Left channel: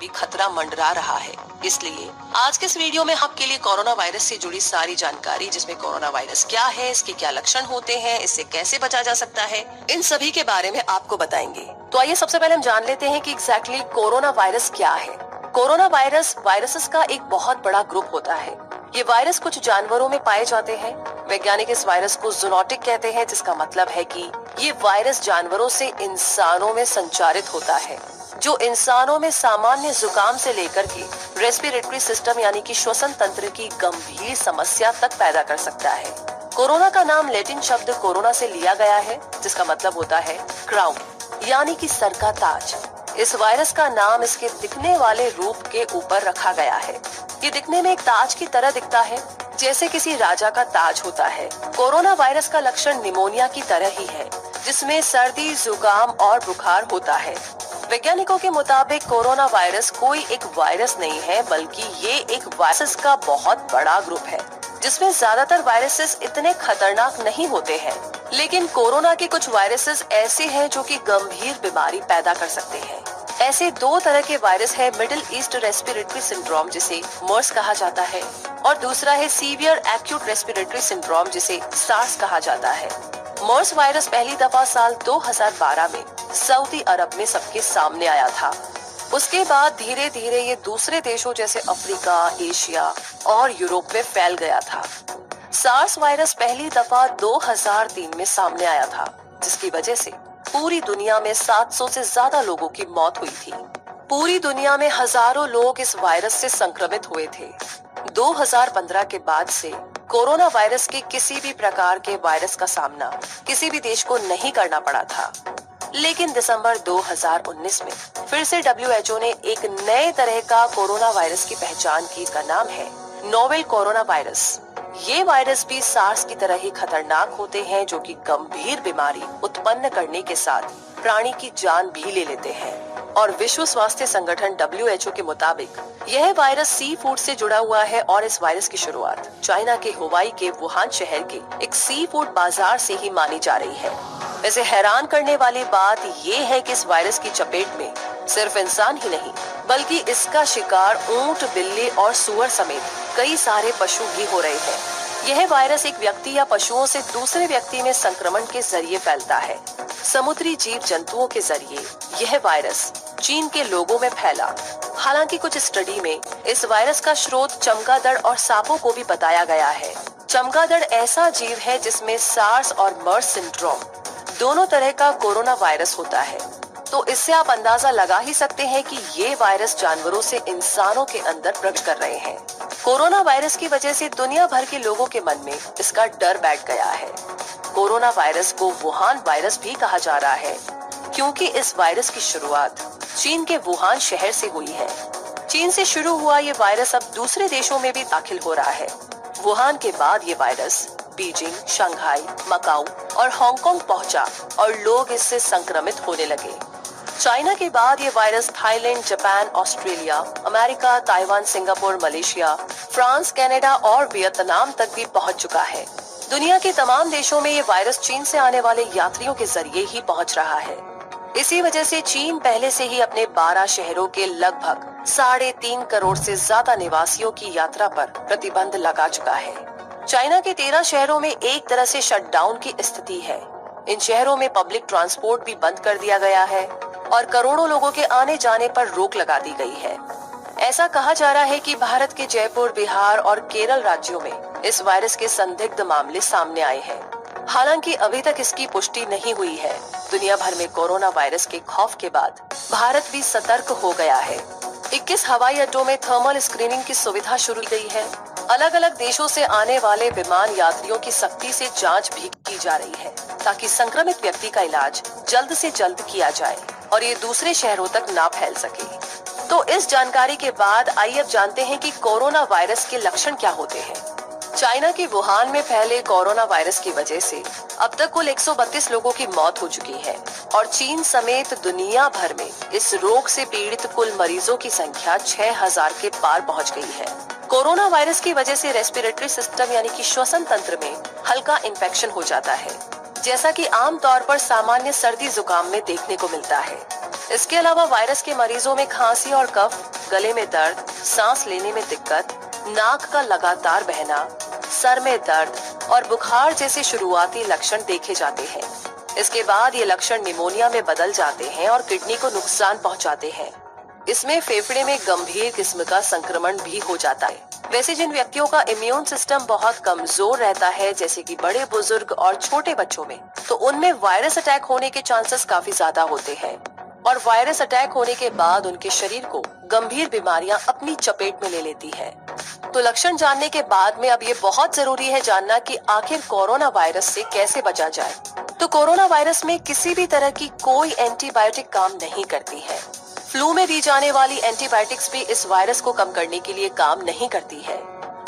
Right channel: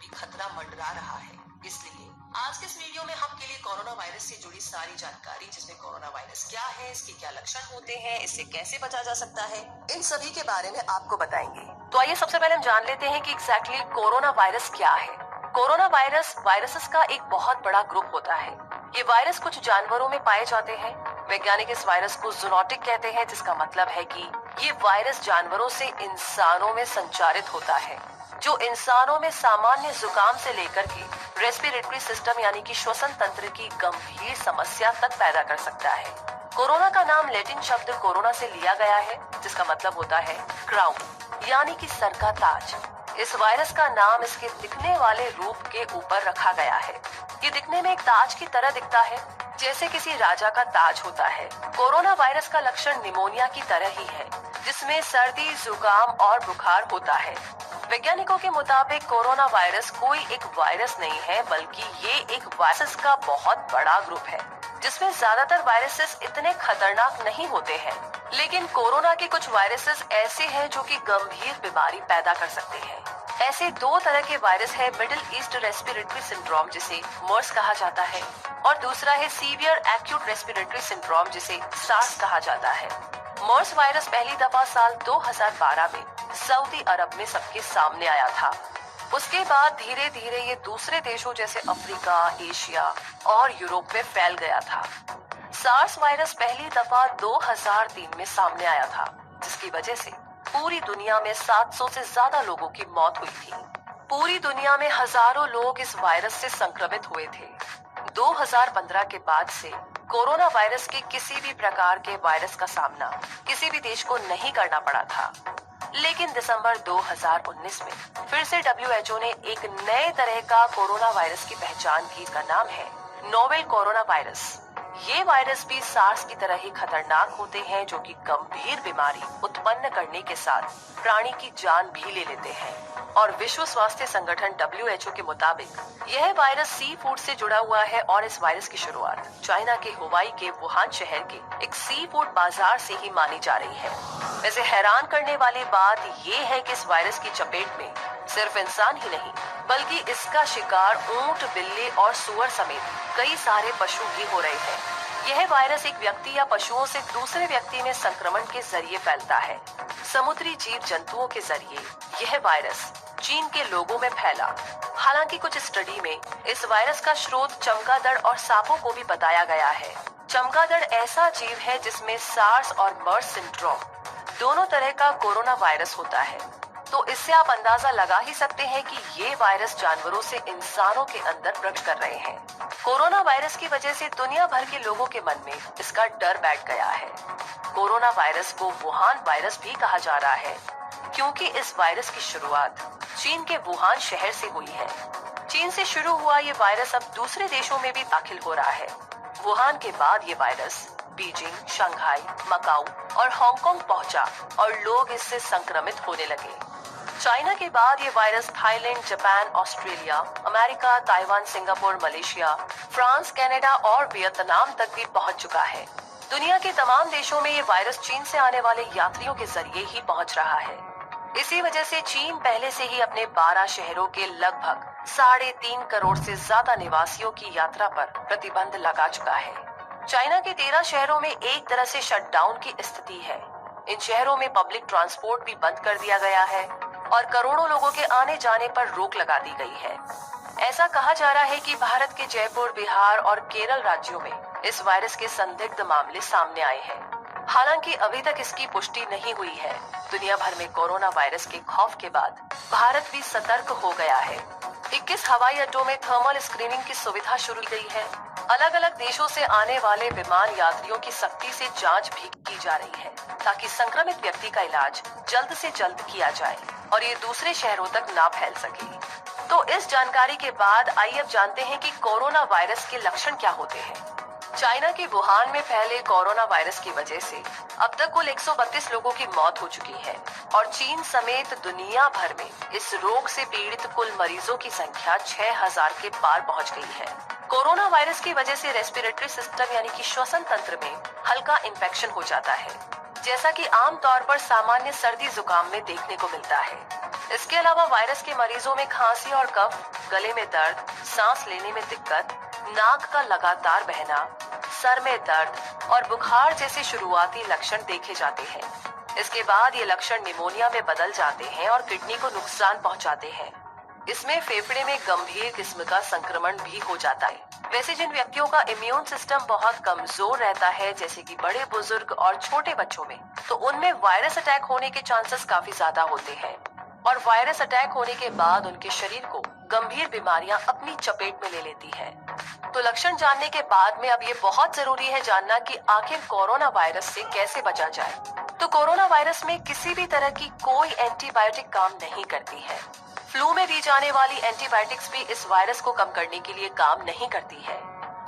भी खतरा मंडरा रहा है। इसलिए आज के इस वीडियो में आपके लिए कोरोना वायरस से जुड़ी सारी जानकारी, जिसमें कोरोना वायरस क्या है, इसके क्या लक्षण होते हैं, इससे कैसे बचा जा सकता है, इन सभी के बारे में आपको बताएंगे। तो आइए सबसे पहले हम जान लेते हैं कि एग्जैक्टली कोरोना वायरस क्या है। कोरोना वायरस वायरसेस का एक बहुत बड़ा ग्रुप होता है। ये वायरस कुछ जानवरों में पाए जाते हैं। वैज्ञानिक इस वायरस को जूनोटिक कहते हैं, जिसका मतलब है कि ये वायरस जानवरों से इंसानों में संचारित होता है, जो इंसानों में सामान्य जुकाम से लेकर के रेस्पिरेटरी सिस्टम यानी कि श्वसन तंत्र की गंभीर समस्या तक पैदा कर सकता है। कोरोना का नाम लैटिन शब्द कोरोना से लिया गया है, जिसका मतलब होता है क्राउन यानी कि सर का ताज। इस वायरस का नाम इसके दिखने वाले रूप के ऊपर रखा गया है। ये दिखने में एक ताज की तरह दिखता है, जैसे किसी राजा का ताज होता है। कोरोना वायरस का लक्षण निमोनिया की तरह ही है, जिसमें सर्दी, जुकाम और बुखार होता है। वैज्ञानिकों के मुताबिक कोरोना वायरस कोई एक वायरस नहीं है, बल्कि ये एक वायरस का बहुत बड़ा ग्रुप है, जिसमें ज्यादातर वायरसेस इतने खतरनाक नहीं होते हैं। लेकिन कोरोना के कुछ वायरसेस ऐसे हैं जो कि गंभीर बीमारी पैदा कर सकते हैं। ऐसे दो तरह के वायरस है, मिडिल ईस्ट रेस्पिरेटरी सिंड्रोम, जिसे मर्स कहा जाता है, और दूसरा है सीवियर एक्यूट रेस्पिरेटरी सिंड्रोम, जिसे सार्स कहा जाता है। मर्स वायरस पहली दफा साल 2012 में सऊदी अरब में सबके सामने आया था। उसके बाद धीरे धीरे ये दूसरे देशों जैसे अफ्रीका, एशिया और यूरोप में फैल गया था। सार्स वायरस पहली दफा 2003 में सामने आया था, जिसकी वजह से पूरी दुनिया में 700 से ज्यादा लोगों की मौत हुई थी। पूरी दुनिया में हजारों लोग इस वायरस से संक्रमित हुए थे। 2015 के बाद से कोरोना वायरस के किसी भी प्रकार के वायरस का सामना किसी भी देश को नहीं करना पड़ा था। लेकिन दिसंबर 2019 में फिर से WHO ने एक नए तरह का कोरोना वायरस की पहचान की। इसका नाम है नोवेल कोरोना वायरस। ये वायरस भी सार्स की तरह ही खतरनाक होते हैं, जो कि गंभीर बीमारी उत्पन्न करने के साथ प्राणी की जान भी ले लेते हैं। और विश्व स्वास्थ्य संगठन WHO के मुताबिक यह वायरस सी फूड से जुड़ा हुआ है, और इस वायरस की शुरुआत चाइना के हुवाई के वुहान शहर के एक सी फूड बाजार से ही मानी जा रही है। वैसे हैरान करने वाली बात ये है कि इस वायरस की चपेट में सिर्फ इंसान ही नहीं, बल्कि इसका शिकार ऊंट, बिल्ली और सुअर समेत कई सारे पशु भी हो रहे हैं। यह वायरस एक व्यक्ति या पशुओं से दूसरे व्यक्ति में संक्रमण के जरिए फैलता है। समुद्री जीव जंतुओं के जरिए यह वायरस चीन के लोगों में फैला। हालांकि कुछ स्टडी में इस वायरस का स्रोत चमगादड़ और सांपों को भी बताया गया है। चमगादड़ ऐसा जीव है जिसमें सार्स और मर्स सिंड्रोम दोनों तरह का कोरोना वायरस होता है। तो इससे आप अंदाजा लगा ही सकते हैं कि ये वायरस जानवरों से इंसानों के अंदर प्रवेश कर रहे हैं। कोरोना वायरस की वजह से दुनिया भर के लोगों के मन में इसका डर बैठ गया है। कोरोना वायरस को वुहान वायरस भी कहा जा रहा है, क्योंकि इस वायरस की शुरुआत चीन के वुहान शहर से हुई है। चीन से शुरू हुआ ये वायरस अब दूसरे देशों में भी दाखिल हो रहा है। वुहान के बाद ये वायरस बीजिंग, शंघाई, मकाऊ और हांगकांग पहुंचा और लोग इससे संक्रमित होने लगे। चाइना के बाद ये virus Thailand, Japan, Australia, America, Taiwan, Singapore, Malaysia, France, Canada और वियतनाम तक भी पहुंच चुका है। दुनिया के तमाम देशों में ये वायरस चीन से आने वाले यात्रियों के जरिए ही पहुंच रहा है। इसी वजह से चीन पहले से ही अपने 12 शहरों के लगभग 3.5 करोड़ से ज्यादा निवासियों की यात्रा पर प्रतिबंध लगा चुका है। चाइना के 13 शहरों में एक तरह से शटडाउन की स्थिति है। इन शहरों में पब्लिक ट्रांसपोर्ट भी बंद कर दिया गया है और करोड़ों लोगों के आने जाने पर रोक लगा दी गई है। ऐसा कहा जा रहा है कि भारत के जयपुर, बिहार और केरल राज्यों में इस वायरस के संदिग्ध मामले सामने आए हैं। हालांकि अभी तक इसकी पुष्टि नहीं हुई है। दुनिया भर में कोरोना वायरस के खौफ के बाद भारत भी सतर्क हो गया है। 21 हवाई अड्डों में थर्मल स्क्रीनिंग की सुविधा शुरू की गई है। अलग अलग देशों से आने वाले विमान यात्रियों की सख्ती से जांच भी की जा रही है, ताकि संक्रमित व्यक्ति का इलाज जल्द से जल्द किया जाए और ये दूसरे शहरों तक ना फैल सके। तो इस जानकारी के बाद आइए अब जानते हैं कि कोरोना वायरस के लक्षण क्या होते हैं। चाइना के वुहान में फैले कोरोना वायरस की वजह से अब तक कुल 132 लोगों की मौत हो चुकी है और चीन समेत दुनिया भर में इस रोग से पीड़ित कुल मरीजों की संख्या 6000 के पार पहुंच गई है। कोरोना वायरस की वजह से रेस्पिरेटरी सिस्टम यानी कि श्वसन तंत्र में हल्का इन्फेक्शन हो जाता है, जैसा कि आमतौर पर सामान्य सर्दी जुकाम में देखने को मिलता है। इसके अलावा वायरस के मरीजों में खांसी और कफ, गले में दर्द, सांस लेने में दिक्कत, नाक का लगातार बहना, सर में दर्द और बुखार जैसे शुरुआती लक्षण देखे जाते हैं। इसके बाद ये लक्षण निमोनिया में बदल जाते हैं और किडनी को नुकसान पहुंचाते हैं। इसमें फेफड़े में गंभीर किस्म का संक्रमण भी हो जाता है। वैसे जिन व्यक्तियों का इम्यून सिस्टम बहुत कमजोर रहता है, जैसे कि बड़े बुजुर्ग और छोटे बच्चों में, तो उनमें वायरस अटैक होने के चांसेस काफी ज्यादा होते हैं और वायरस अटैक होने के बाद उनके शरीर को गंभीर बीमारियां अपनी चपेट में ले लेती है। तो लक्षण जानने के बाद में अब ये बहुत जरूरी है जानना कि आखिर कोरोना वायरस से कैसे बचा जाए। तो कोरोना वायरस में किसी भी तरह की कोई एंटीबायोटिक काम नहीं करती है। फ्लू में दी जाने वाली एंटीबायोटिक्स भी इस वायरस को कम करने के लिए काम नहीं करती है।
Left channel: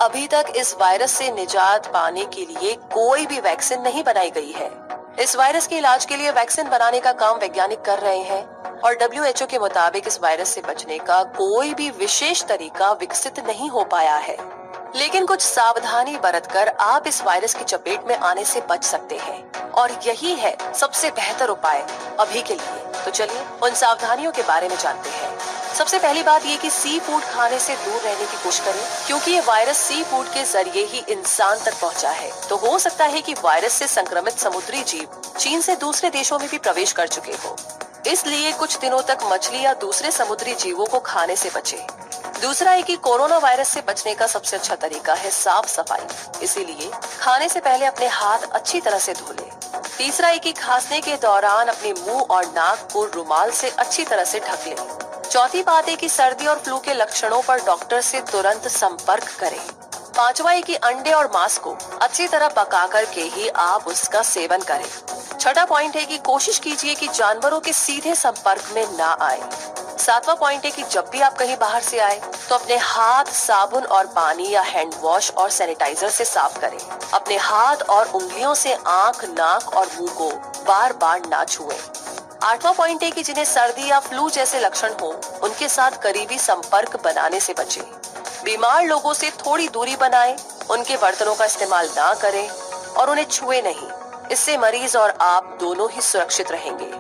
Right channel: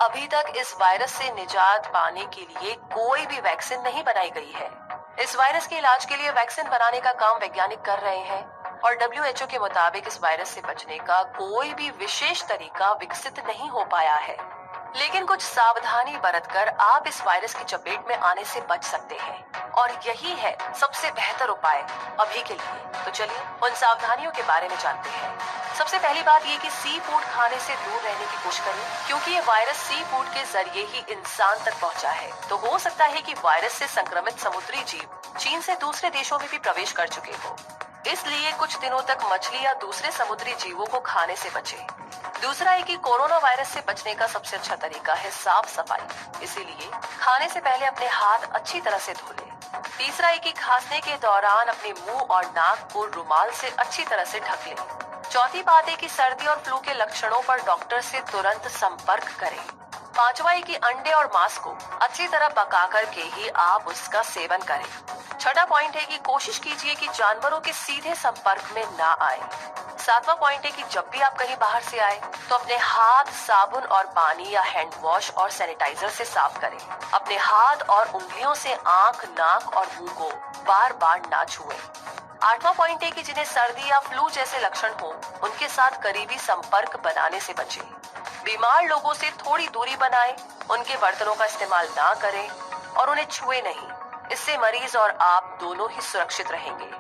अभी तक इस वायरस से निजात पाने के लिए कोई भी वैक्सीन नहीं बनाई गई है। इस वायरस के इलाज के लिए वैक्सीन बनाने का काम वैज्ञानिक कर रहे हैं और WHO के मुताबिक इस वायरस से बचने का कोई भी विशेष तरीका विकसित नहीं हो पाया है। लेकिन कुछ सावधानी बरतकर आप इस वायरस की चपेट में आने से बच सकते हैं और यही है सबसे बेहतर उपाय अभी के लिए। तो चलिए उन सावधानियों के बारे में जानते हैं। सबसे पहली बात ये कि सी फूड खाने से दूर रहने की कोशिश करें, क्योंकि ये वायरस सी फूड के जरिए ही इंसान तक पहुंचा है। तो हो सकता है कि वायरस से संक्रमित समुद्री जीव चीन से दूसरे देशों में भी प्रवेश कर चुके हो, इसलिए कुछ दिनों तक मछली या दूसरे समुद्री जीवों को खाने से बचें। दूसरा है कि कोरोना वायरस से बचने का सबसे अच्छा तरीका है साफ सफाई, इसीलिए खाने से पहले अपने हाथ अच्छी तरह से धो लें। तीसरा है कि खांसने के दौरान अपने मुंह और नाक को रुमाल से अच्छी तरह से ढक लें। चौथी बात है कि सर्दी और फ्लू के लक्षणों पर डॉक्टर से तुरंत संपर्क करें। पांचवा है कि अंडे और मांस को अच्छी तरह पका करके ही आप उसका सेवन करें। छठा पॉइंट है कि कोशिश कीजिए कि जानवरों के सीधे संपर्क में ना आए। सातवां पॉइंट है कि जब भी आप कहीं बाहर से आए तो अपने हाथ साबुन और पानी या हैंड वॉश और सैनिटाइजर से साफ करें। अपने हाथ और उंगलियों से आंख, नाक और मुंह को बार बार ना छुएं। आठवां पॉइंट है कि जिन्हें सर्दी या फ्लू जैसे लक्षण हो, उनके साथ करीबी संपर्क बनाने से बचें। बीमार लोगों से थोड़ी दूरी बनाएं, उनके बर्तनों का इस्तेमाल ना करें और उन्हें छुए नहीं। इससे मरीज और आप दोनों ही सुरक्षित रहेंगे।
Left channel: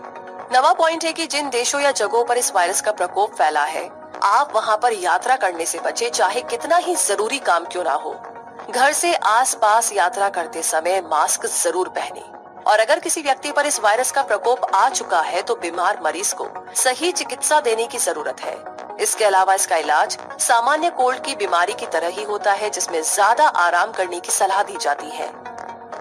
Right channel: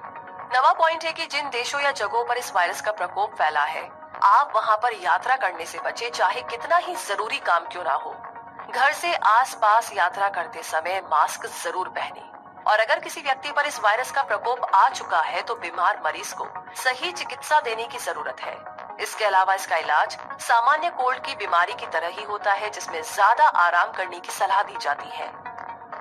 नवा पॉइंट है कि जिन देशों या जगहों पर इस वायरस का प्रकोप फैला है, आप वहां पर यात्रा करने से बचें, चाहे कितना ही जरूरी काम क्यों ना हो। घर से आसपास यात्रा करते समय मास्क जरूर पहनें और अगर किसी व्यक्ति पर इस वायरस का प्रकोप आ चुका है तो बीमार मरीज को सही चिकित्सा देने की जरूरत है। इसके अलावा इसका इलाज सामान्य कोल्ड की बीमारी की तरह ही होता है, जिसमें ज्यादा आराम करने की सलाह दी जाती है।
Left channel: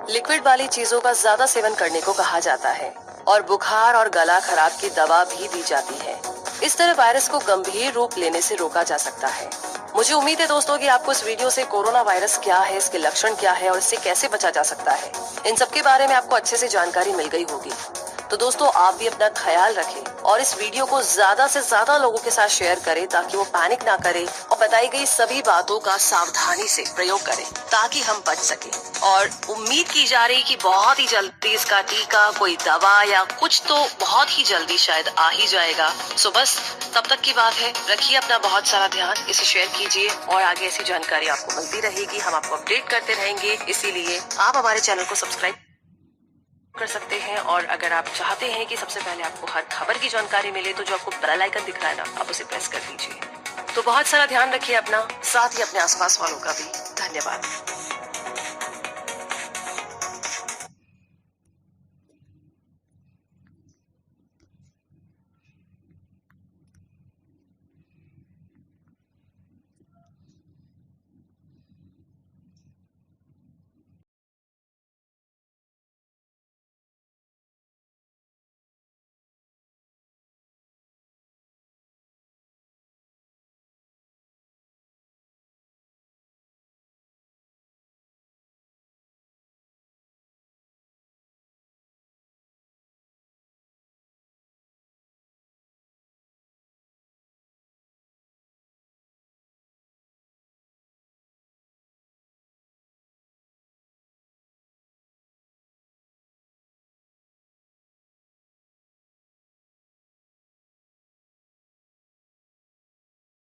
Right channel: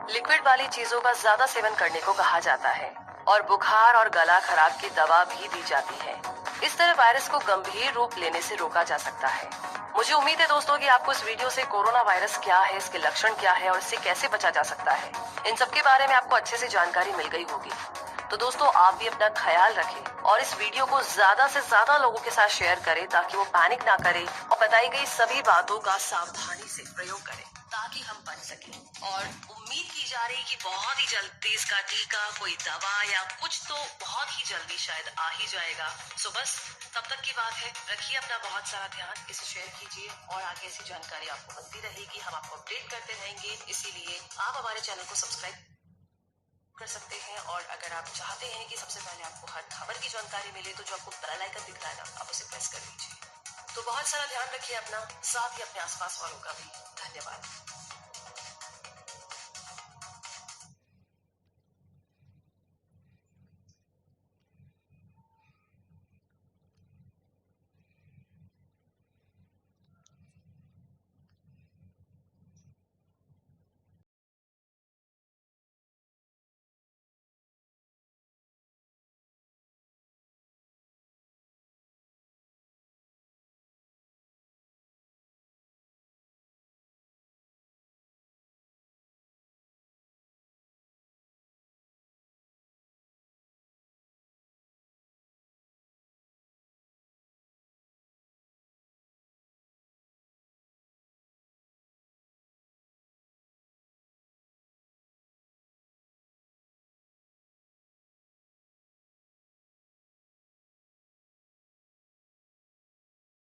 लिक्विड वाली चीजों का ज्यादा सेवन करने को कहा जाता है और बुखार और गला खराब की दवा भी दी जाती है। इस तरह वायरस को गंभीर रूप लेने से रोका जा सकता है। मुझे उम्मीद है दोस्तों कि आपको इस वीडियो से कोरोना वायरस क्या है, इसके लक्षण क्या है और इससे कैसे बचा जा सकता है, इन सब के बारे में आपको अच्छे से जानकारी मिल गई होगी। तो दोस्तों आप भी अपना ख्याल रखें और इस वीडियो को ज्यादा से ज्यादा लोगों के साथ शेयर करें ताकि वो पैनिक ना करें और बताई गई सभी बातों का सावधानी से प्रयोग करें ताकि हम बच सकें। और उम्मीद की जा रही कि बहुत ही जल्दी इसका टीका, कोई दवा या कुछ तो बहुत ही जल्दी शायद आ ही जाएगा। सो बस तब तक की बात है, रखिए अपना बहुत सारा ध्यान, इसे शेयर कीजिए और आगे ऐसी जानकारी आपको मिलती रहेगी। हम आपको अपडेट करते रहेंगे, इसीलिए आप हमारे चैनल को सब्सक्राइब कर सकते हैं। और अगर आप चाहते हैं कि सबसे पहले आपको हर खबर की जानकारी मिले तो जो आपको बेल आइकन दिख रहा है ना, आप उसे प्रेस कर दीजिए। तो बहुत सारा ध्यान रखिए अपना, साथ ही अपने आसपास वालों का भी। धन्यवाद।